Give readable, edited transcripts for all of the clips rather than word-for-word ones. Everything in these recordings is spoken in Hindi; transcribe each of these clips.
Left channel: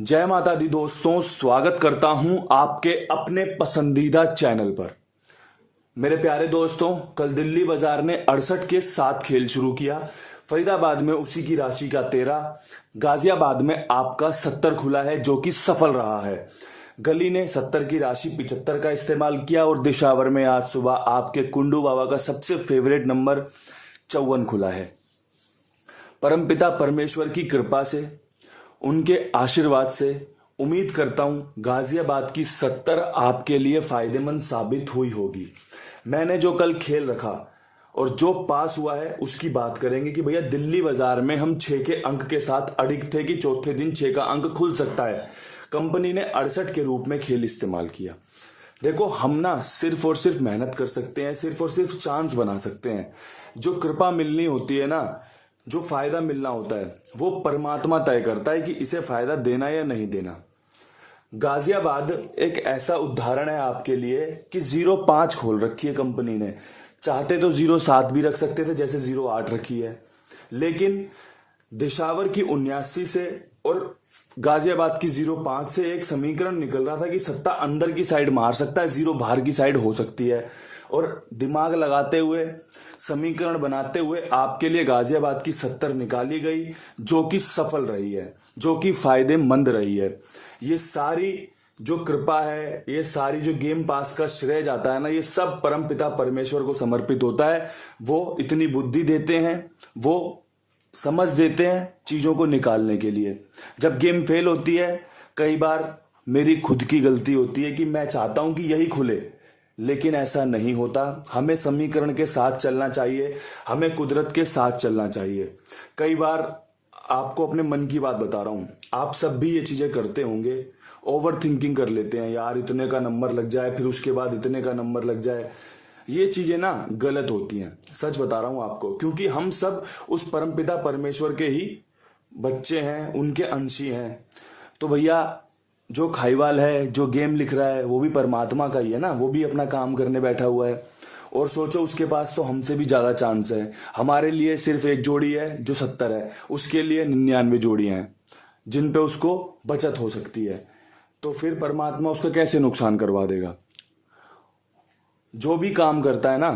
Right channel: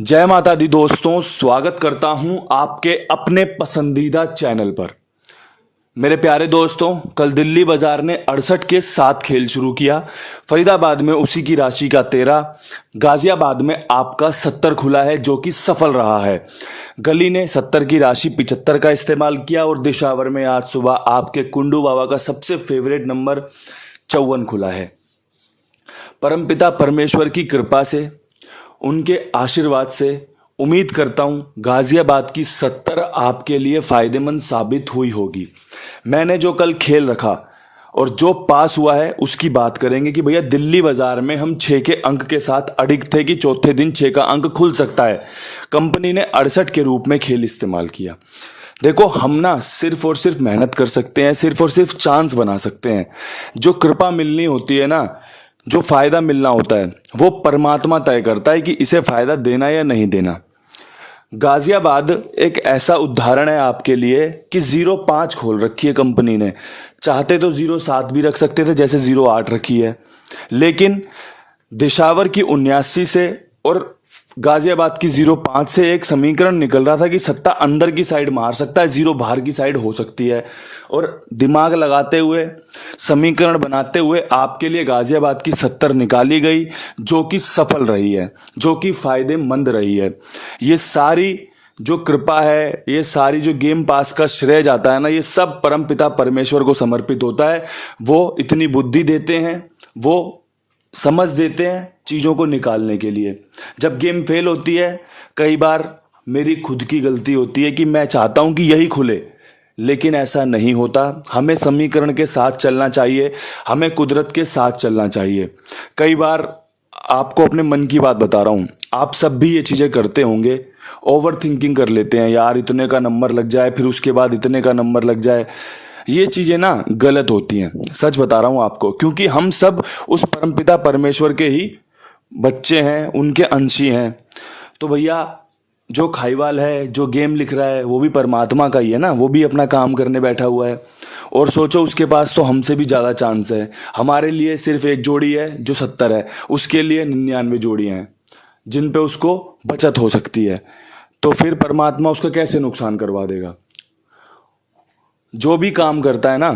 जय माता दी दोस्तों, स्वागत करता हूं आपके अपने पसंदीदा चैनल पर। मेरे प्यारे दोस्तों, कल दिल्ली बाजार ने 68 के 7 खेल शुरू किया। फरीदाबाद में उसी की राशि का 13, गाजियाबाद में आपका 70 खुला है जो कि सफल रहा है। गली ने 70 की राशि 75 का इस्तेमाल किया और दिशावर में आज सुबह आपके कुंडू बाबा का सबसे फेवरेट नंबर 54 खुला है। परमपिता परमेश्वर की कृपा से, उनके आशीर्वाद से उम्मीद करता हूं गाजियाबाद की 70 आपके लिए फायदेमंद साबित हुई होगी। मैंने जो कल खेल रखा और जो पास हुआ है उसकी बात करेंगे कि भैया दिल्ली बाजार में हम 6 के अंक के साथ अडिग थे कि चौथे दिन 6 का अंक खुल सकता है। कंपनी ने 68 के रूप में खेल इस्तेमाल किया। देखो, हम ना सिर्फ और सिर्फ मेहनत कर सकते हैं, सिर्फ और सिर्फ चांस बना सकते हैं। जो कृपा मिलनी होती है ना, जो फायदा मिलना होता है, वो परमात्मा तय करता है कि इसे फायदा देना या नहीं देना। गाजियाबाद एक ऐसा उदाहरण है आपके लिए कि 0.5 खोल रखी है कंपनी ने। चाहते तो 0.7 भी रख सकते थे, जैसे 0.8 रखी है, लेकिन दिशावर की 79 से और गाजियाबाद की 0.5 से एक समीकरण निकल रहा था कि सत्ता अंदर की साइड मार सकता है, 0 बाहर की साइड हो सकती है। और दिमाग लगाते हुए, समीकरण बनाते हुए आपके लिए गाजियाबाद की 70 निकाली गई, जो कि सफल रही है, जो कि फायदेमंद रही है। ये सारी जो कृपा है, ये सारी जो गेम पास का श्रेय जाता है ना, ये सब परमपिता परमेश्वर को समर्पित होता है। वो इतनी बुद्धि देते हैं, वो समझ देते हैं चीज़ों को निकालने के लिए। जब गेम फेल होती है, कई बार मेरी खुद की गलती होती है कि मैं चाहता हूं कि यही खुले, लेकिन ऐसा नहीं होता। हमें समीकरण के साथ चलना चाहिए, हमें कुदरत के साथ चलना चाहिए। कई बार आपको अपने मन की बात बता रहा हूँ, आप सब भी ये चीज़ें करते होंगे। ओवर थिंकिंग कर लेते हैं, यार इतने का नंबर लग जाए, फिर उसके बाद इतने का नंबर लग जाए। ये चीज़ें ना गलत होती हैं, सच बता रहा हूँ आपको, क्योंकि हम सब उस परमपिता परमेश्वर के ही बच्चे हैं, उनके अंशी हैं। तो भैया, जो खाईवाल है, जो गेम लिख रहा है, वो भी परमात्मा का ही है ना, वो भी अपना काम करने बैठा हुआ है। और सोचो, उसके पास तो हमसे भी ज़्यादा चांस है। हमारे लिए सिर्फ एक जोड़ी है जो 70 है, उसके लिए 99 जोड़ियाँ हैं जिन पे उसको बचत हो सकती है। तो फिर परमात्मा उसका कैसे नुकसान करवा देगा? जो भी काम करता है ना,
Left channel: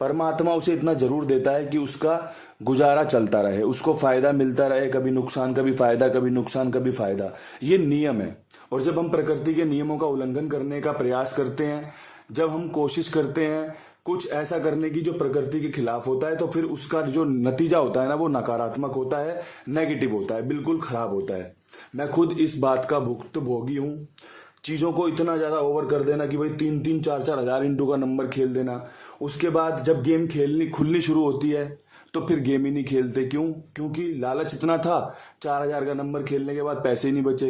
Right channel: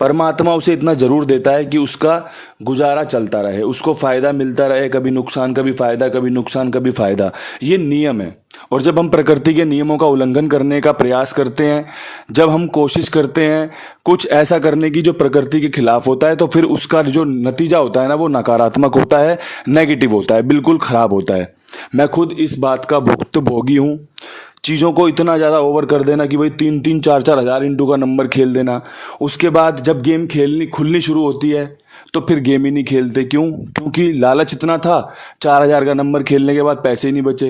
परमात्मा उसे इतना जरूर देता है कि उसका गुजारा चलता रहे, उसको फायदा मिलता रहे। कभी नुकसान, कभी फायदा, कभी नुकसान, कभी फायदा। ये नियम है। और जब हम प्रकृति के नियमों का उल्लंघन करने का प्रयास करते हैं, जब हम कोशिश करते हैं कुछ ऐसा करने की जो प्रकृति के खिलाफ होता है, तो फिर उसका जो नतीजा होता है ना, वो नकारात्मक होता है, नेगेटिव होता है, बिल्कुल खराब होता है। मैं खुद इस बात का भुक्तभोगी हूँ। चीज़ों को इतना ज़्यादा ओवर कर देना कि भाई 3-3, 4-4 हज़ार इंटू का नंबर खेल देना। उसके बाद जब गेम खुलनी शुरू होती है तो फिर गेम ही नहीं खेलते। क्यों? क्योंकि लालच इतना था, 4,000 का नंबर खेलने के बाद पैसे ही नहीं बचे।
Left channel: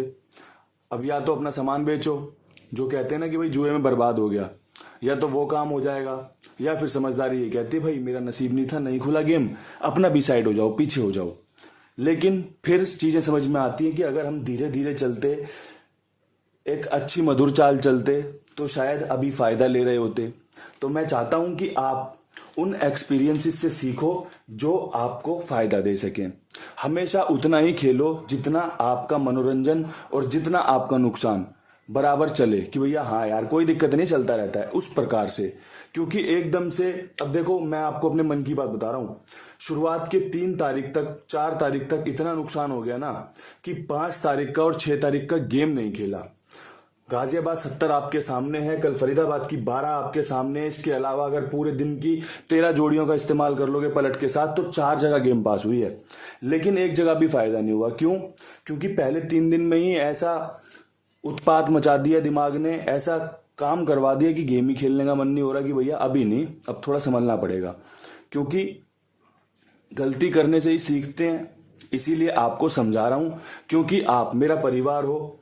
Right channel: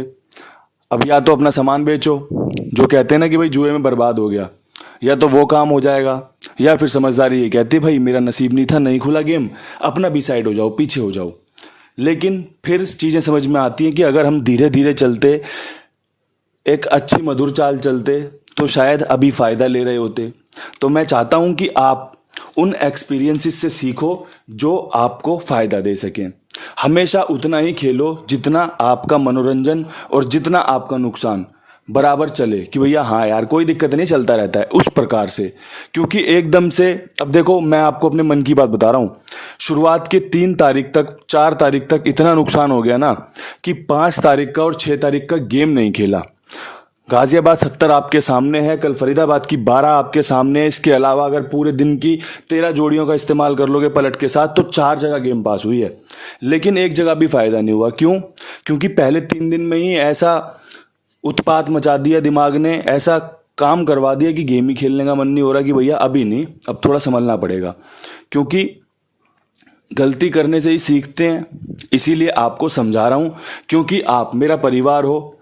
अब या तो अपना सामान बेचो, जो कहते हैं ना कि भाई जुए में बर्बाद हो गया, या तो वो काम हो जाएगा, या फिर समझदारी ये कहती भाई मेरा नसीब नहीं था, नहीं खुला गेम, अपना भी साइड हो जाओ, पीछे हो जाओ। लेकिन फिर चीज़ें समझ में आती हैं कि अगर हम धीरे धीरे चलते, एक अच्छी मधुर चाल चलते, तो शायद अभी फ़ायदा ले रहे होते। तो मैं चाहता हूं कि आप उन एक्सपीरियंसेस से सीखो जो आपको फ़ायदा दे सकें। हमेशा उतना ही खेलो जितना आपका मनोरंजन और जितना आपका नुकसान बराबर चले, कि भैया हाँ यार कोई दिक्कत नहीं, चलता रहता है, उस प्रकार से। क्योंकि एकदम से, अब देखो, मैं आपको अपने मन की बात बता रहा हूँ, शुरुआत के 3 तारीख तक, 4 तारीख तक इतना नुकसान हो गया ना कि 5 तारीख का और 6 तारीख का गेम नहीं खेला। गाजियाबाद 70 आपके सामने है, कल फरीदाबाद की 12 आपके सामने है। इसके अलावा अगर पूरे दिन की 13 जोड़ियों का इस्तेमाल कर लोगे पलट के साथ, तो 4 जगह गेम पास हुई है, लेकिन एक जगह भी फायदा नहीं हुआ। क्यों? क्योंकि पहले 3 दिन में ही ऐसा उत्पात मचा दिया दिमाग ने, ऐसा काम करवा दिया कि गेम ही खेलने का मन नहीं हो रहा, कि भैया अभी नहीं, अब थोड़ा संभलना पड़ेगा। क्योंकि गलती करने से ही सीखते हैं, इसीलिए आपको समझा रहा हूँ, क्योंकि आप मेरा परिवार हो।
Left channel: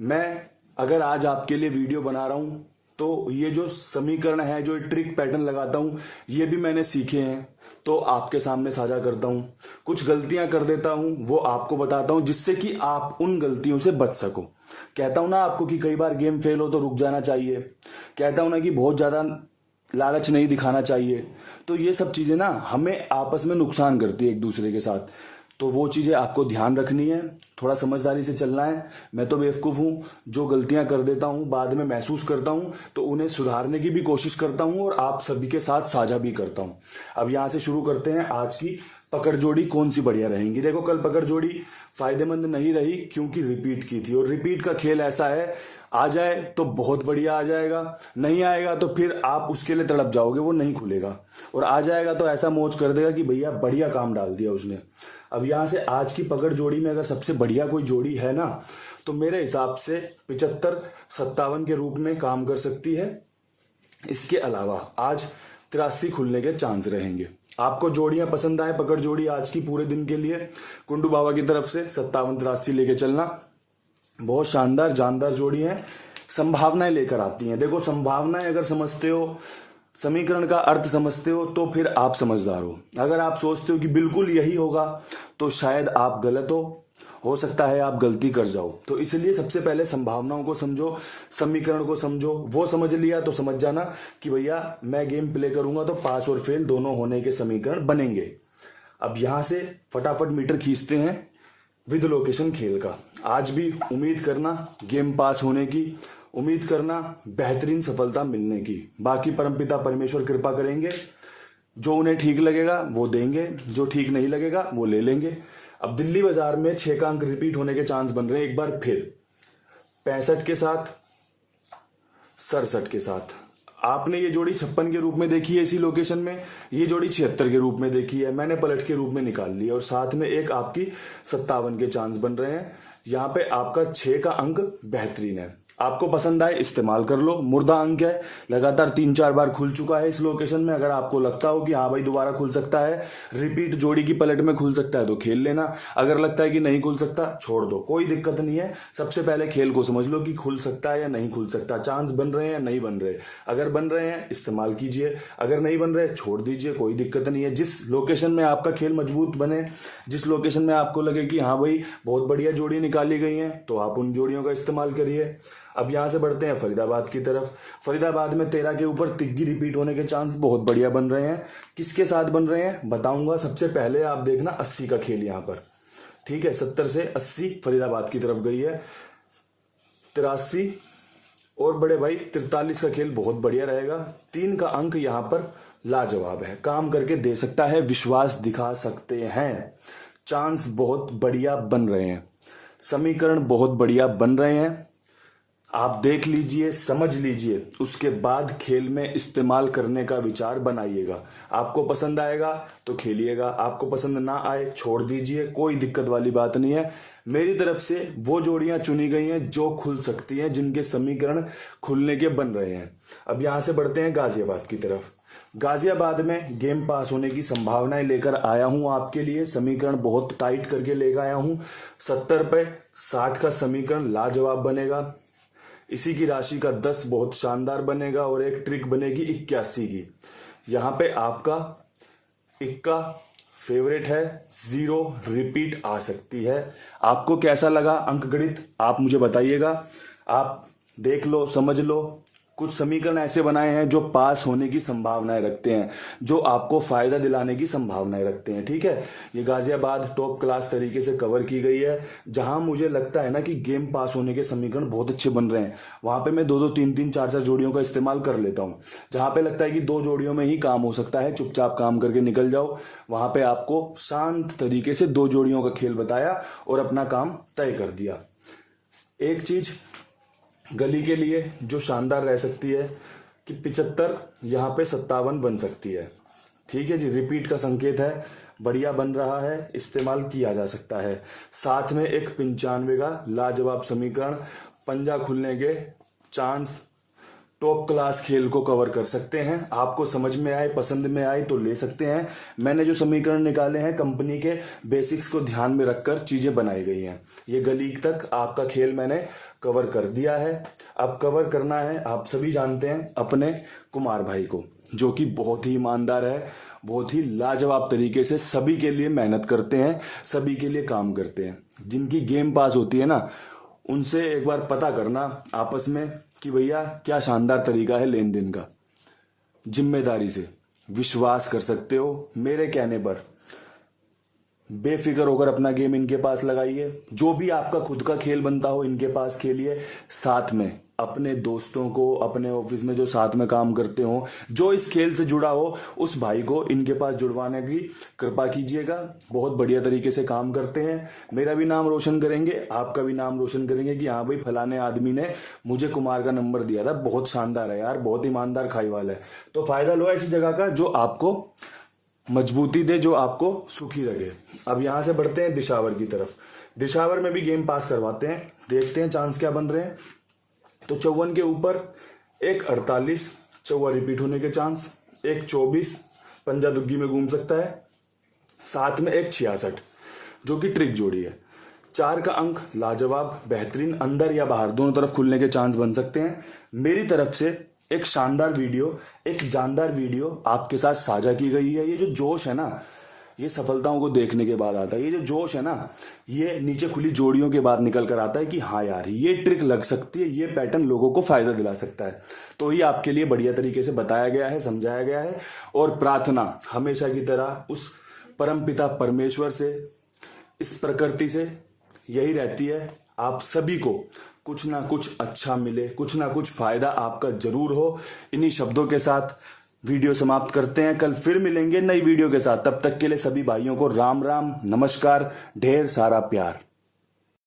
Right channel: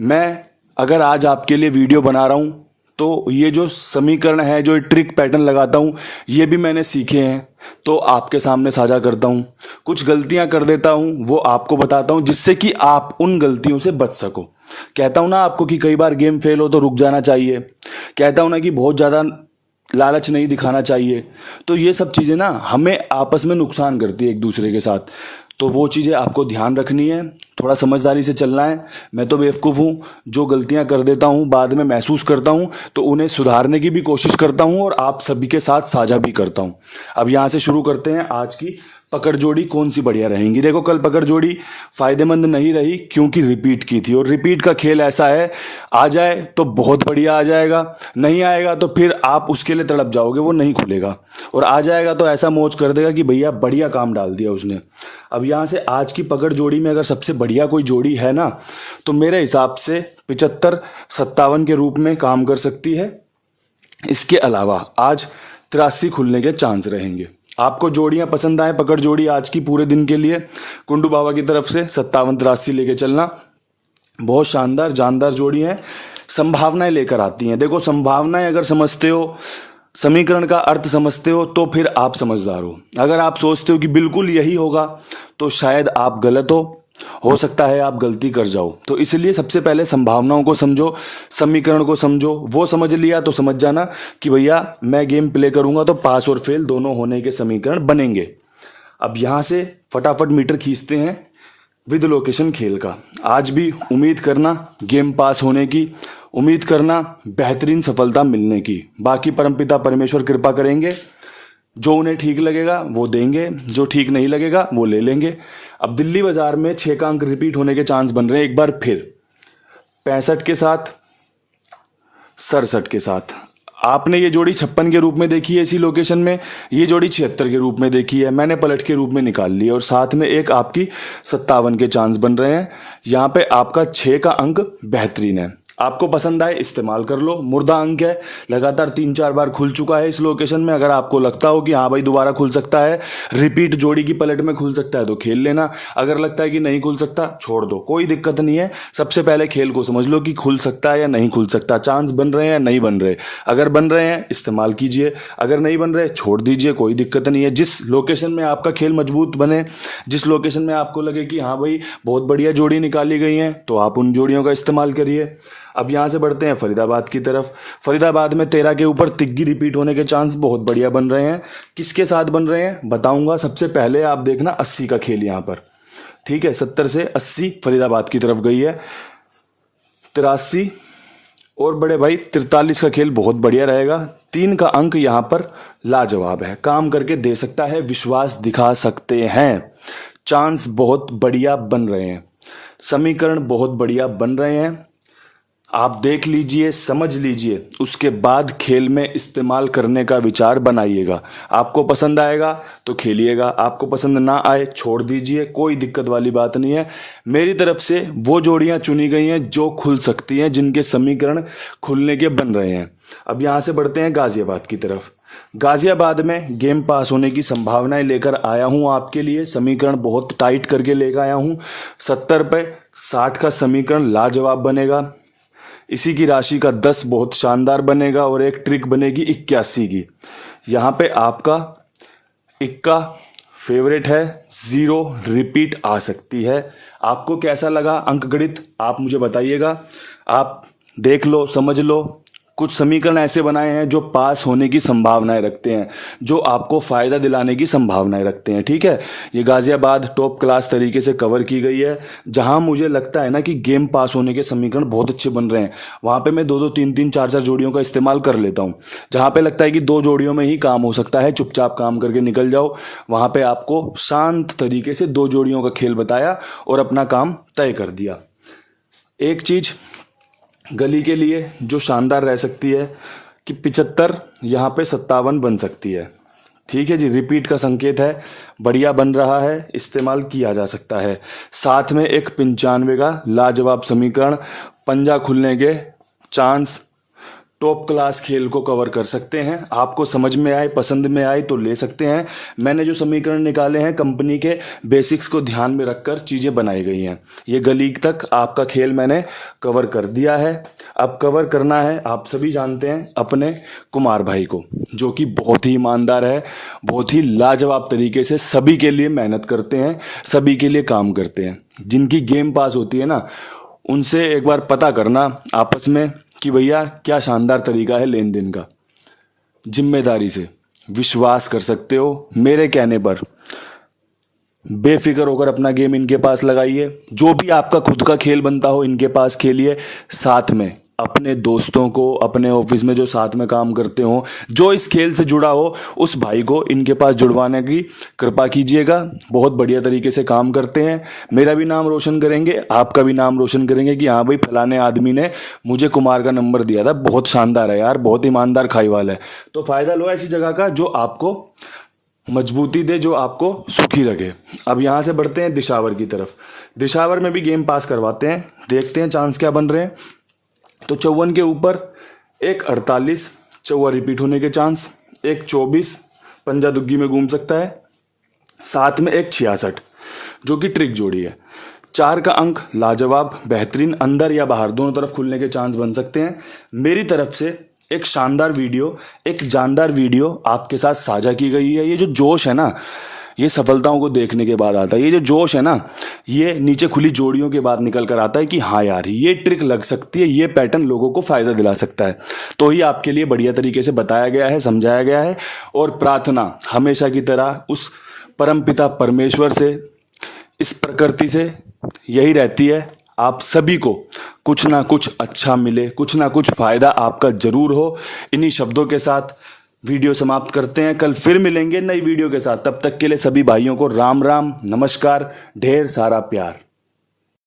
मैं अगर आज आपके लिए वीडियो बना रहा हूँ, तो ये जो समीकरण है, जो ट्रिक पैटर्न लगाता हूँ, ये भी मैंने सीखे हैं, तो आपके सामने साझा करता हूँ। कुछ गलतियाँ कर देता हूँ, वो आपको बताता हूँ, जिससे कि आप उन गलतियों से बच सको। कहता हूँ ना आपको कि कई बार गेम फेल हो तो रुक जाना चाहिए। कहता हूँ ना कि बहुत ज़्यादा लालच नहीं दिखाना चाहिए। तो ये सब चीज़ें ना हमें आपस में नुकसान करती है एक दूसरे के साथ। तो वो चीज़ें आपको ध्यान रखनी है। थोड़ा समझदारी से चलना है। मैं तो बेवकूफ़ हूँ, जो गलतियाँ कर देता हूँ बाद में महसूस करता हूँ तो उन्हें सुधारने की भी कोशिश करता हूँ और आप सभी के साथ साझा भी करता हूँ। अब यहाँ से शुरू करते हैं आज की पकड़ जोड़ी कौन सी बढ़िया रहेंगी। देखो, कल पकड़ जोड़ी फायदेमंद नहीं रही क्योंकि रिपीट की थी, और रिपीट का खेल ऐसा है, आ जाए तो बहुत बढ़िया आ जाएगा, नहीं आएगा तो फिर आप उसके लिए तड़प जाओगे, वो नहीं खुलेगा, और आ जाएगा तो ऐसा मौज कर देगा कि भैया बढ़िया काम डाल दिया उसने। अब यहाँ से आज की पकड़ जोड़ी में अगर सबसे बढ़िया कोई जोड़ी है ना, तो मेरे हिसाब से 75-57 के रूप में काम कर सकती है। इसके अलावा आज 83 खुलने के चांस रहेंगे। आपको जोड़ियां पसंद आए पकड़ जोड़ी आज की पूरे दिन के लिए, कुंडू बाबा की तरफ से 57-83 लेके चलना। बहुत शानदार जानदार जोड़ी है, संभावनाएं लेकर आती हैं। देखो, संभावनाएं अगर समझते हो, समीकरण का अर्थ समझते हो, तो फिर आप समझदार हो। अगर आप सोचते हो कि बिल्कुल यही होगा तो शायद आप गलत हो सकता है आप गलती कर जाओ। तो इसलिए सबसे पहले संभावनाओं को समझो, समीकरण को समझो। वो समझ लिया तो समझ जाना कि भैया मैं गेम प्ले करूंगा तो पास और फेल दोनों होने के समीकरण बनेंगे। अब यहाँ से फटाफट मीटर खींचते हैं विद लोकेशन खेल का। आज भी उम्मीद करना गेम पास होने की, उम्मीद करना बेहतरीन सफलता मिलने की। बाकी परमपिता परमेश्वर कृपा करेंगे, जो उन्हें ठीक लगेगा वो देंगे, जो ठीक नहीं लगेगा वो ले लेंगे। अब दिल्ली बाजार में 6 का अंक रिपीट होने के चांस बन रहे हैं एक बार फिर, 65 के साथ, 67 के साथ। आपने ये जोड़ी 56 के रूप में देखी है इसी लोकेशन में, ये जोड़ी 76 के रूप में देखी है, मैंने पलट के रूप में निकाल ली, और साथ में एक आपकी 57 के चांस बन रहे हैं। यहाँ पे आपका 6 का अंक बेहतरीन है, आपको पसंद आए इस्तेमाल कर लो। मुर्दा अंक है, लगातार 3-4 बार खुल चुका है इस लोकेशन में। अगर आपको लगता हो कि हाँ भाई दोबारा खुल सकता है, रिपीट जोड़ी की पलट में खुल सकता है, तो खेल लेना। अगर लगता है कि नहीं खुल सकता, छोड़ दो, कोई दिक्कत नहीं है। सबसे पहले खेल को समझ लो कि खुल सकता है या नहीं खुल सकता, चांस बन रहे हैं या नहीं बन रहे। अगर बन रहे हैं इस्तेमाल कीजिए, अगर नहीं बन रहे छोड़ दीजिए, कोई दिक्कत नहीं है। जिस लोकेशन में आपका खेल मजबूत बने, जिस लोकेशन में आपको लगे कि हाँ भाई बहुत बढ़िया जोड़ी निकाली गई है, तो आप उन जोड़ियों का इस्तेमाल करिए। अब यहाँ से बढ़ते हैं फरीदाबाद की तरफ। फरीदाबाद में 13 के ऊपर तिग्गी रिपीट होने के चांस बहुत बढ़िया बन रहे हैं। किसके साथ बन रहे हैं बताऊंगा। सबसे पहले आप देखना 80 का खेल यहाँ पर, ठीक है, 70 से 80 फरीदाबाद की तरफ गई है। 83 और बड़े भाई 43 का खेल बहुत बढ़िया रहेगा। 3 का अंक यहाँ पर लाजवाब है, काम करके दे सकता है, विश्वास दिखा सकते हैं। चांस बहुत बढ़िया बन रहे हैं, समीकरण बहुत बढ़िया बन रहे हैं। आप देख लीजिए, समझ लीजिए, उसके बाद खेल में इस्तेमाल करने का विचार बनाइएगा। आपको पसंद आएगा तो खेलिएगा, आपको पसंद ना आए छोड़ दीजिए, कोई दिक्कत वाली बात नहीं है। मेरी तरफ से वो जोड़ियां चुनी गई हैं जो खुल सकती हैं, जिनके समीकरण खुलने के बन रहे हैं। अब यहाँ से बढ़ते हैं गाजियाबाद की तरफ। गाजियाबाद में गेम पास होने की संभावनाएं लेकर आया हूं आपके लिए, समीकरण बहुत टाइट करके लेकर आया हूं। 70 पे 60 का समीकरण लाजवाब बनेगा, इसी की राशि का 10 बहुत शानदार बनेगा, और एक ट्रिक बनेगी 81 की। यहाँ पे आपका इक्का फेवरेट है, 0 रिपीट आ सकती है। आपको कैसा लगा अंक गणित आप मुझे बताइएगा। आप देख लो, समझ लो। कुछ समीकरण ऐसे बनाए हैं जो पास होने की संभावनाएं रखते हैं, जो आपको फायदा दिलाने की संभावनाएं रखते हैं, ठीक है। ये गाजियाबाद टॉप क्लास तरीके से कवर की गई है। जहां मुझे लगता है ना कि गेम पास होने के समीकरण बहुत अच्छे बन रहे हैं, वहां पे मैं 2-2, 3-3, 4-4 जोड़ियों का इस्तेमाल कर लेता हूं। जहां पे लगता है कि 2 जोड़ियों में ही काम हो सकता है, चुपचाप काम करके निकल जाओ, वहां पे आपको शांत तरीके से 2 जोड़ियों का खेल बताया और अपना काम तय कर दिया। एक चीज गली के लिए जो शानदार रह सकती है कि 75 यहाँ पे 57 बन सकती है, ठीक है जी। रिपीट का संकेत है, बढ़िया बन रहा है, इस्तेमाल किया जा सकता है। साथ में एक 95 का लाजवाब समीकरण, पंजा खुलने के चांस, टॉप क्लास खेल को कवर कर सकते हैं। आपको समझ में आए, पसंद में आए तो ले सकते हैं। मैंने जो समीकरण निकाले हैं कंपनी के बेसिक्स को ध्यान में रखकर चीज़ें बनाई गई हैं। ये गली तक आपका खेल मैंने कवर कर दिया है। अब कवर करना है, आप सभी जानते हैं, अपने कुमार भाई को, जो कि बहुत ही ईमानदार है, बहुत ही लाजवाब तरीके से सभी के लिए मेहनत करते हैं, सभी के लिए काम करते हैं। जिनकी गेम पास होती है ना, उनसे एक बार पता करना आपस में कि भैया क्या शानदार तरीका है लेन देन का। जिम्मेदारी से विश्वास कर सकते हो मेरे कहने पर। बेफिक्र होकर अपना गेम इनके पास लगाइए। जो भी आपका खुद का खेल बनता हो इनके पास खेलिए। साथ में अपने दोस्तों को, अपने ऑफिस में जो साथ में काम करते हो, जो इस खेल से जुड़ा हो, उस भाई को इनके पास जुड़वाने की कृपा कीजिएगा। बहुत बढ़िया तरीके से काम करते हैं। मेरा भी नाम रोशन करेंगे, आपका भी नाम रोशन करेंगे कि हाँ भाई फलाने आदमी ने मुझे कुमार का नंबर दिया था, बहुत शानदार है यार, बहुत ईमानदार खाईवाल है। तो फ़ायदा लो ऐसी जगह का जो आपको मजबूती दे, जो आपको सुखी रखे। अब यहाँ से बढ़ते हैं दिशावर की तरफ। दिशावर में भी गेम पास करवाते हैं, देखते हैं चांस क्या बन रहे हैं। तो 54 के ऊपर एक 48, चौवा रिपीट होने के चांस, एक 24 पंजा दुग्गी में घूम सकता है, साथ में एक 66 जो कि ट्रिक जोड़ी है। 4 का अंक लाजवाब, बेहतरीन, अंदर या बाहर दोनों तरफ खुलने के चांस बन सकते हैं। मेरी तरफ से एक शानदार वीडियो, एक जानदार वीडियो आपके साथ साझा की गई है। ये जो जोश है ना, ये सफलताओं को देखने के बाद आता है। ये जो जोश है ना, ये नीचे खुली जोड़ियों के बाद निकल कर आता है कि हाँ यार ये ट्रिक लग सकती है, ये पैटर्न लोगों को फायदा दिला सकता है। तो ही आपके लिए बढ़िया तरीके से बताया गया है, समझाया गया है। और प्रार्थना हमेशा की तरह उस परमपिता परमेश्वर से, इस प्रकृति से यही रहती है, आप सभी को कुछ ना कुछ अच्छा मिले, कुछ ना कुछ फायदा आपका जरूर हो। इन्हीं शब्दों के साथ वीडियो समाप्त करते हैं। कल फिर मिलेंगे नई वीडियो के साथ। तब तक के लिए सभी भाइयों को राम राम, नमस्कार, ढेर सारा प्यार।